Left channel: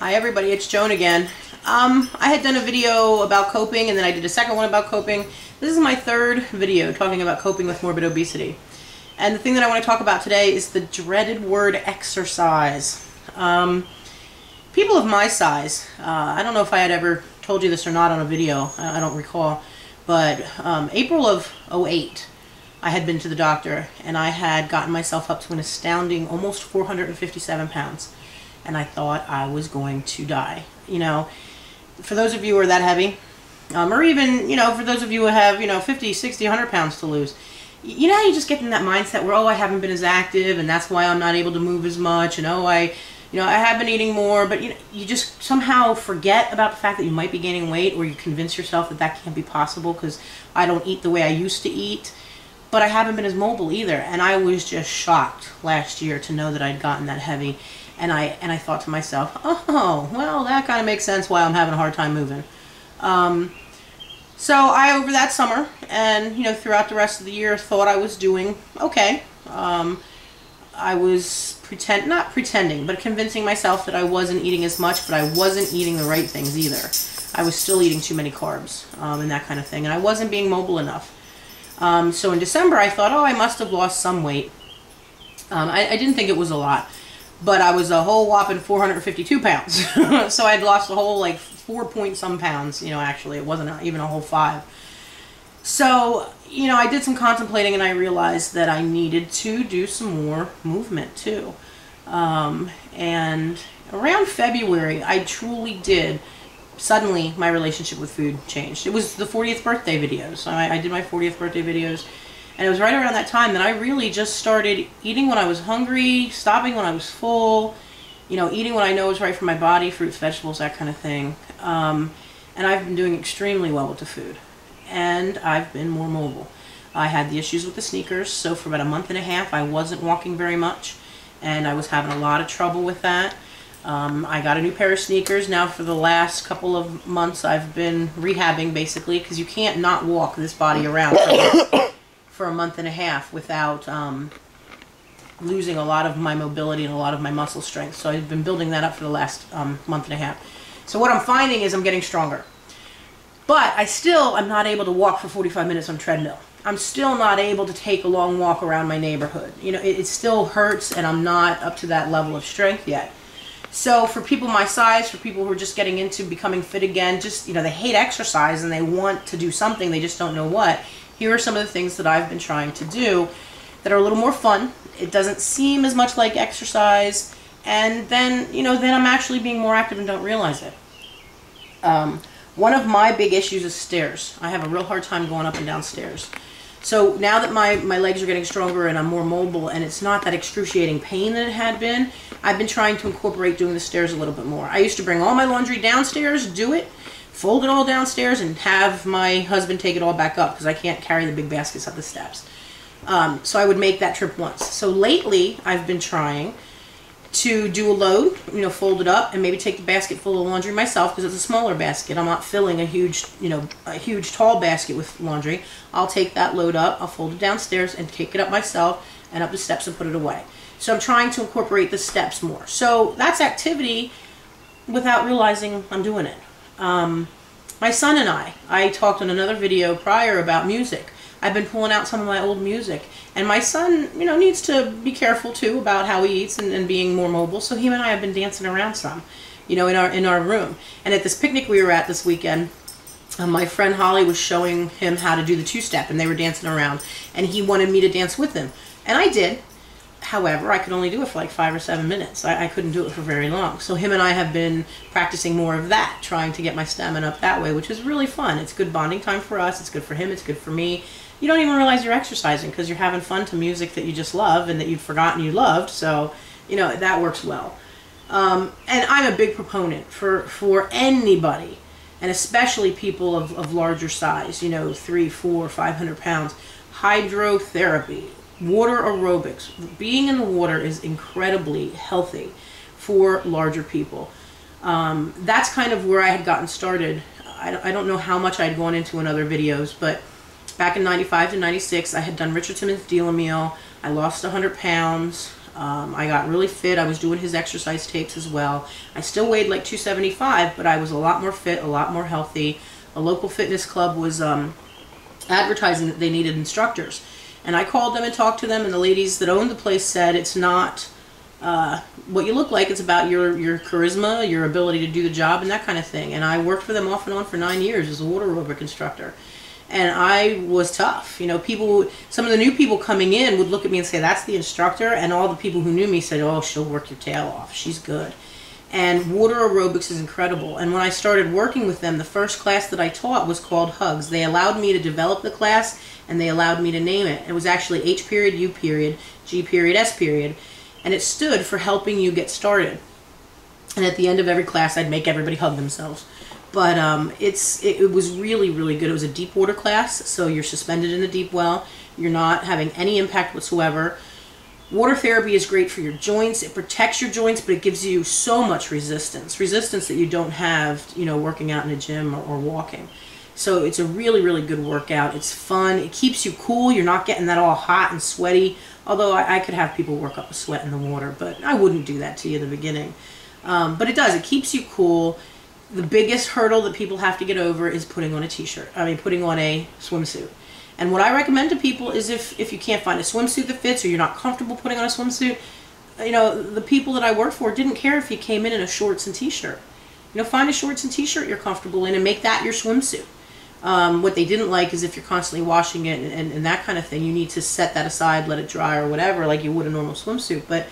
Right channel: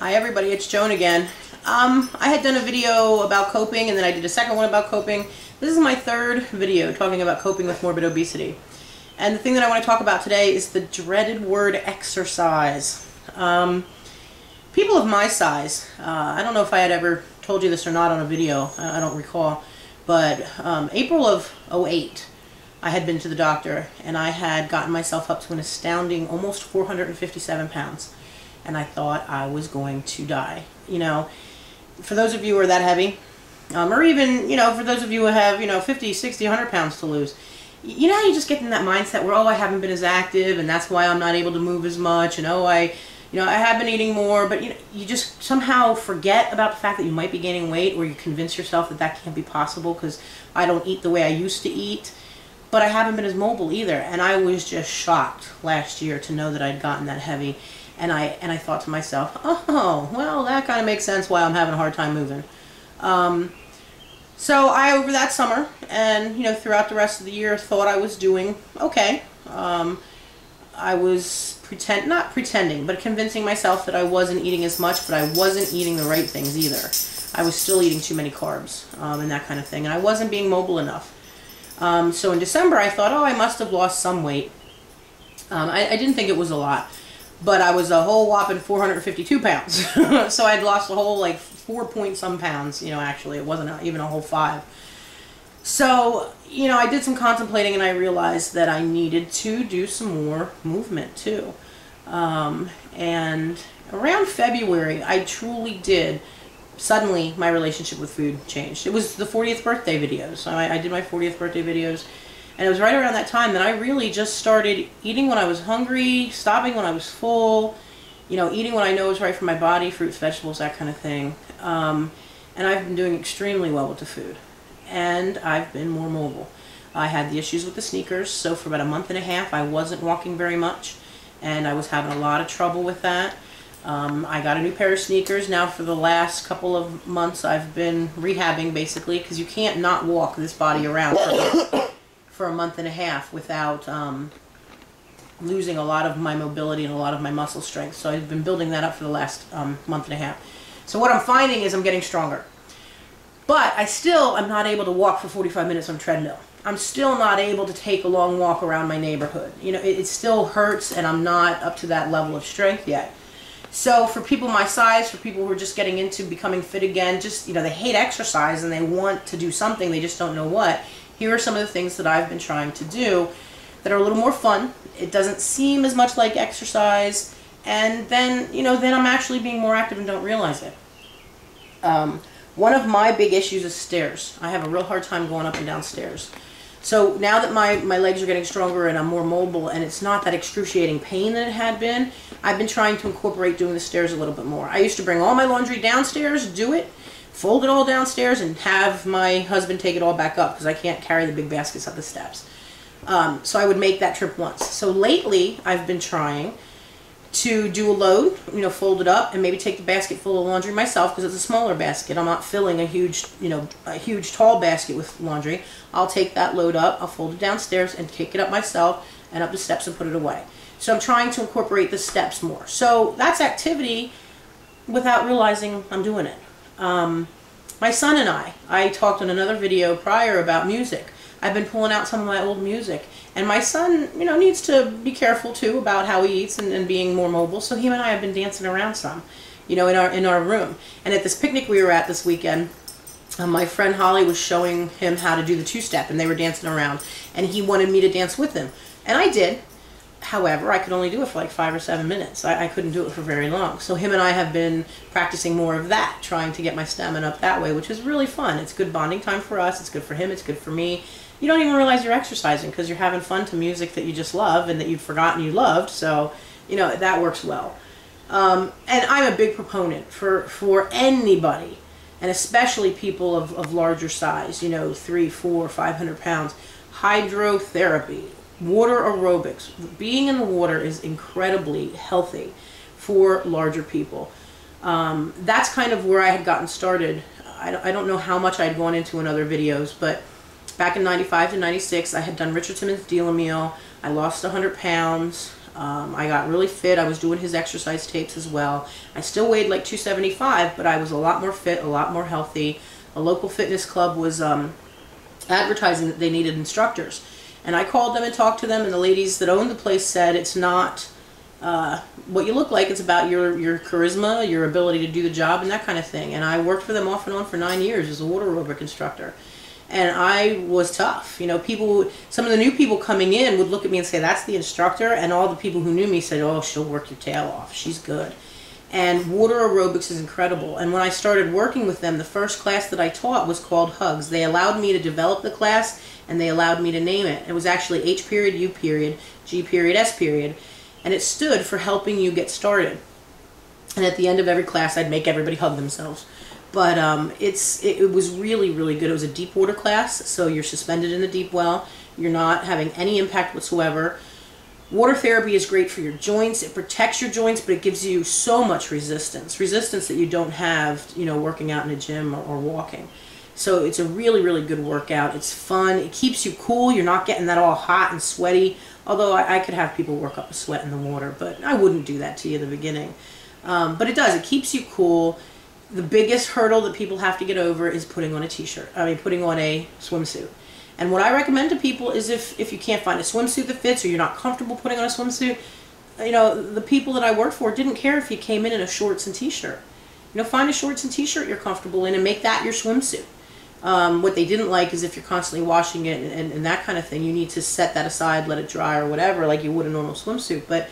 Hi everybody, it's Joan again. I had done a video about coping and then I did a second one about coping. This is my third video talking about coping with morbid obesity. And the thing that I want to talk about today is the dreaded word exercise. People of my size, I don't know if I had ever told you this or not on a video, I don't recall, but April of '08, I had been to the doctor and I had gotten myself up to an astounding almost 457 pounds. And I thought I was going to die. You know, for those of you who are that heavy, or even, you know, for those of you who have, 50, 60, 100 pounds to lose, you know how you just get in that mindset where, oh, I haven't been as active and that's why I'm not able to move as much, and oh, I have been eating more, but you just somehow forget about the fact that you might be gaining weight, or you convince yourself that that can't be possible because I don't eat the way I used to eat. But I haven't been as mobile either, and I was just shocked last year to know that I'd gotten that heavy. And I thought to myself, oh, well, that kind of makes sense why I'm having a hard time moving. So I, over that summer and, throughout the rest of the year, thought I was doing okay. I was not pretending, but convincing myself that I wasn't eating as much, but I wasn't eating the right things either. I was still eating too many carbs and that kind of thing, and I wasn't being mobile enough. So in December, I thought, oh, I must have lost some weight. I didn't think it was a lot. But I was a whole whopping 452 pounds. So I'd lost a whole 4-point-some pounds, actually. It wasn't even a whole 5. So, I did some contemplating and I realized that I needed to do some more movement too. And around February, I truly did. Suddenly, my relationship with food changed. It was the 40th birthday videos. So I did my 40th birthday videos. And it was right around that time that I really just started eating when I was hungry, stopping when I was full, eating what I know is right for my body, fruits, vegetables, that kind of thing. And I've been doing extremely well with the food. And I've been more mobile. I had the issues with the sneakers, so for about a month and a half I wasn't walking very much. And I was having a lot of trouble with that. I got a new pair of sneakers. Now for the last couple of months I've been rehabbing basically, because you can't not walk this body around for a month and a half without losing a lot of my mobility and a lot of my muscle strength. So I've been building that up for the last month and a half. So what I'm finding is I'm getting stronger. But I'm not able to walk for 45 minutes on a treadmill. I'm still not able to take a long walk around my neighborhood. It still hurts and I'm not up to that level of strength yet. So for people my size, for people who are just getting into becoming fit again, they hate exercise and they want to do something, they just don't know what. Here are some of the things that I've been trying to do that are a little more fun. It doesn't seem as much like exercise, and then, then I'm actually being more active and don't realize it. One of my big issues is stairs. I have a real hard time going up and down stairs. So now that my legs are getting stronger and I'm more mobile and it's not that excruciating pain that it had been, I've been trying to incorporate doing the stairs a little bit more. I used to bring all my laundry downstairs, do it, fold it all downstairs, and have my husband take it all back up because I can't carry the big baskets up the steps. So I would make that trip once. So lately, I've been trying to do a load, fold it up, and maybe take the basket full of laundry myself because it's a smaller basket. I'm not filling a huge tall basket with laundry. I'll take that load up, I'll fold it downstairs, and take it up myself and up the steps and put it away. So I'm trying to incorporate the steps more. So that's activity without realizing I'm doing it. My son and I talked on another video prior about music. I've been pulling out some of my old music, and my son, needs to be careful too about how he eats and being more mobile. So him and I have been dancing around some, in our room. And at this picnic we were at this weekend, my friend Holly was showing him how to do the two-step, and they were dancing around, and he wanted me to dance with him, and I did. However, I could only do it for 5 or 7 minutes. I couldn't do it for very long. So him and I have been practicing more of that, trying to get my stamina up that way, which is really fun. It's good bonding time for us. It's good for him. It's good for me. You don't even realize you're exercising because you're having fun to music that you just love and that you'd forgotten you loved. So, that works well. And I'm a big proponent for anybody, and especially people of larger size, 300, 400, 500 pounds, hydrotherapy. Water aerobics. Being in the water is incredibly healthy for larger people. That's kind of where I had gotten started. I don't know how much I'd gone into in other videos, but back in 95 to 96, I had done Richard Simmons' Deal a Meal. I lost 100 pounds. I got really fit. I was doing his exercise tapes as well. I still weighed like 275, but I was a lot more fit, a lot more healthy. A local fitness club was advertising that they needed instructors. And I called them and talked to them, and the ladies that owned the place said it's not what you look like, it's about your charisma, your ability to do the job, and that kind of thing. And I worked for them off and on for 9 years as a water aerobic instructor. And I was tough. You know, people, some of the new people coming in would look at me and say, that's the instructor. And all the people who knew me said, oh, she'll work your tail off. She's good. And water aerobics is incredible. And when I started working with them, the first class that I taught was called Hugs. They allowed me to develop the class, and they allowed me to name it. It was actually H period, U period, G period, S period. And it stood for helping you get started. And at the end of every class, I'd make everybody hug themselves. But it was really, really good. It was a deep water class, so you're suspended in the deep well. You're not having any impact whatsoever. Water therapy is great for your joints. It protects your joints, but it gives you so much resistance that you don't have, you know, working out in a gym or walking. So it's a really, really good workout. It's fun. It keeps you cool. You're not getting that all hot and sweaty. Although I could have people work up a sweat in the water, but I wouldn't do that to you in the beginning. But it does. It keeps you cool. The biggest hurdle that people have to get over is putting on a putting on a swimsuit. And what I recommend to people is if you can't find a swimsuit that fits, or you're not comfortable putting on a swimsuit, you know, the people that I worked for didn't care if you came in a shorts and t-shirt. You know, find a shorts and t-shirt you're comfortable in and make that your swimsuit. What they didn't like is if you're constantly washing it and that kind of thing, you need to set that aside, let it dry or whatever, like you would a normal swimsuit. But,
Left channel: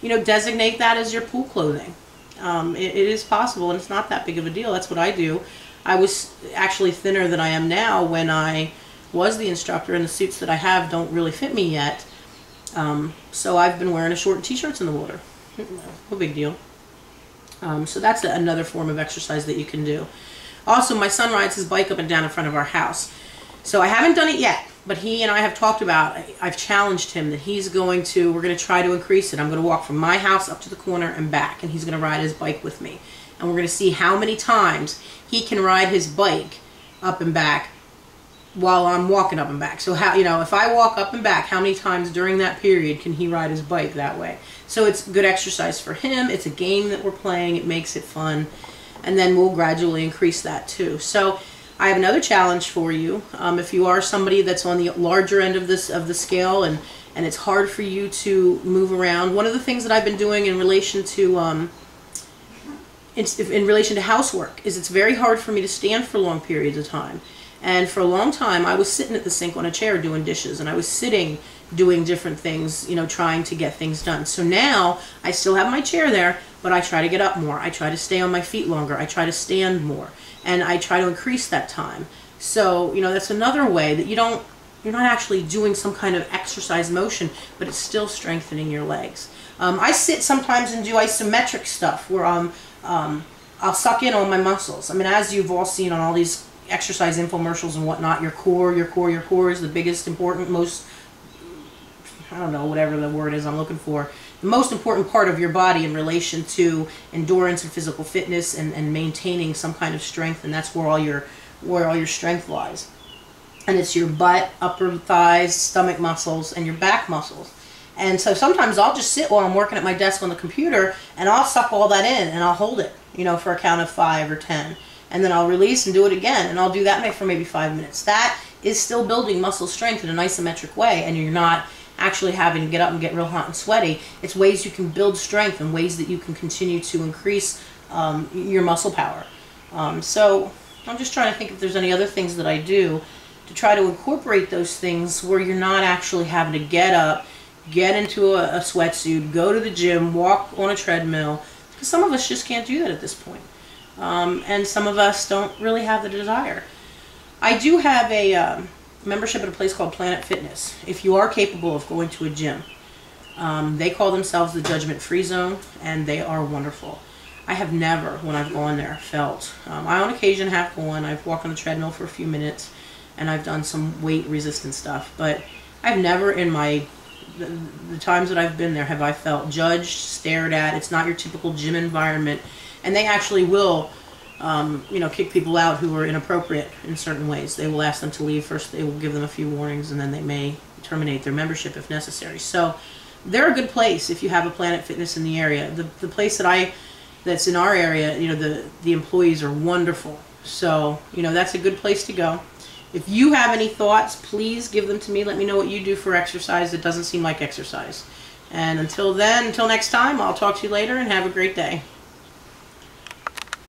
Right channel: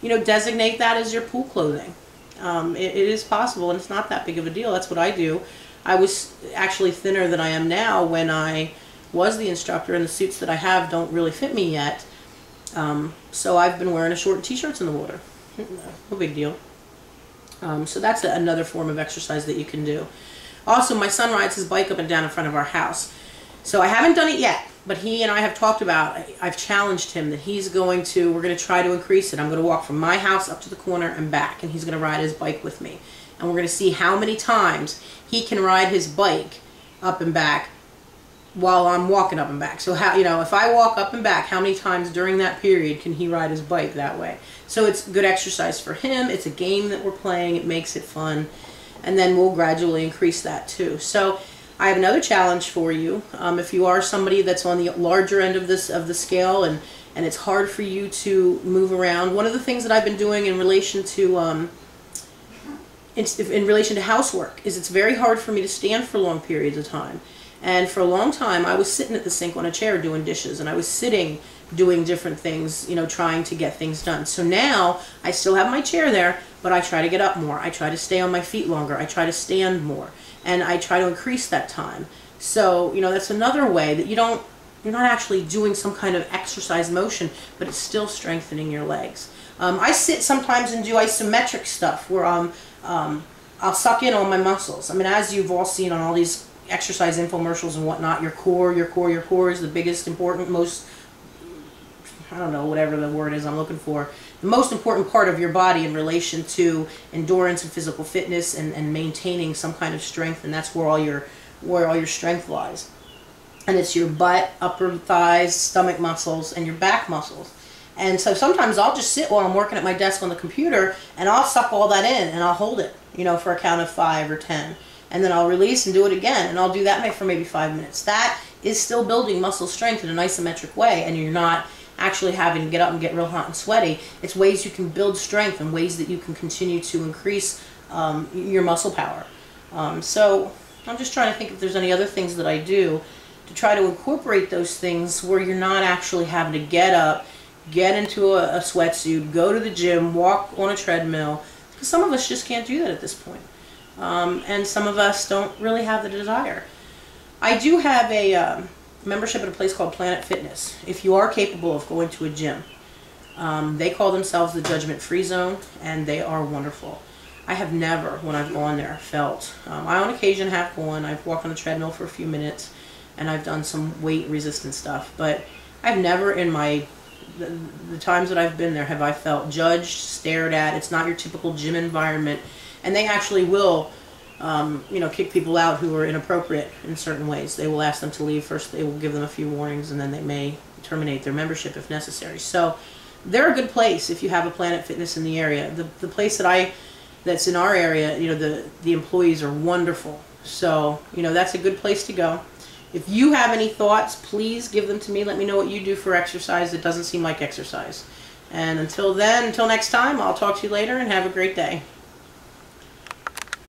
you know, designate that as your pool clothing. It is possible, and it's not that big of a deal. That's what I do. I was actually thinner than I am now when I was the instructor, and the suits that I have don't really fit me yet. So I've been wearing a short and t-shirts in the water. No big deal. So that's another form of exercise that you can do. Also, my son rides his bike up and down in front of our house. So I haven't done it yet, but he and I have talked about, I've challenged him that we're going to try to increase it. I'm going to walk from my house up to the corner and back, and he's going to ride his bike with me. And we're going to see how many times he can ride his bike up and back while I'm walking up and back. So how, you know, if I walk up and back, how many times during that period can he ride his bike that way? So it's good exercise for him. It's a game that we're playing. It makes it fun. And then we'll gradually increase that too. So I have another challenge for you. If you are somebody that's on the larger end of the scale and it's hard for you to move around, one of the things that I've been doing in relation to housework is it's very hard for me to stand for long periods of time. And for a long time, I was sitting at the sink on a chair doing dishes, and I was sitting doing different things, you know, trying to get things done. So now I still have my chair there, but I try to get up more. I try to stay on my feet longer. I try to stand more, and I try to increase that time. So, you know, that's another way that you're not actually doing some kind of exercise motion, but it's still strengthening your legs. I sit sometimes and do isometric stuff where I'll suck in on my muscles. I mean, as you've all seen on all these exercise infomercials and whatnot, your core is the biggest, important, most, I don't know, whatever the word is I'm looking for, the most important part of your body in relation to endurance and physical fitness and maintaining some kind of strength, and that's where all your strength lies. And it's your butt, upper thighs, stomach muscles, and your back muscles. And so sometimes I'll just sit while I'm working at my desk on the computer, and I'll suck all that in, and I'll hold it, you know, for a count of 5 or 10. And then I'll release and do it again, and I'll do that for maybe 5 minutes. That is still building muscle strength in an isometric way, and you're not actually having to get up and get real hot and sweaty. It's ways you can build strength and ways that you can continue to increase your muscle power. So I'm just trying to think if there's any other things that I do to try to incorporate those things where you're not actually having to get up, get into a sweatsuit, go to the gym, walk on a treadmill, because some of us just can't do that at this point. And some of us don't really have the desire. I do have a membership at a place called Planet Fitness. If you are capable of going to a gym, they call themselves the Judgment Free Zone, and they are wonderful. I have never, when I've gone there, felt, I on occasion have gone, I've walked on the treadmill for a few minutes, and I've done some weight resistant stuff, but I've never in the times that I've been there have I felt judged, stared at. It's not your typical gym environment. And they actually will, you know, kick people out who are inappropriate in certain ways. They will ask them to leave. First, they will give them a few warnings, and then they may terminate their membership if necessary. So they're a good place if you have a Planet Fitness in the area. The place that's in our area, you know, the employees are wonderful. So, you know, that's a good place to go. If you have any thoughts, please give them to me. Let me know what you do for exercise that doesn't seem like exercise. And until then, until next time, I'll talk to you later and have a great day.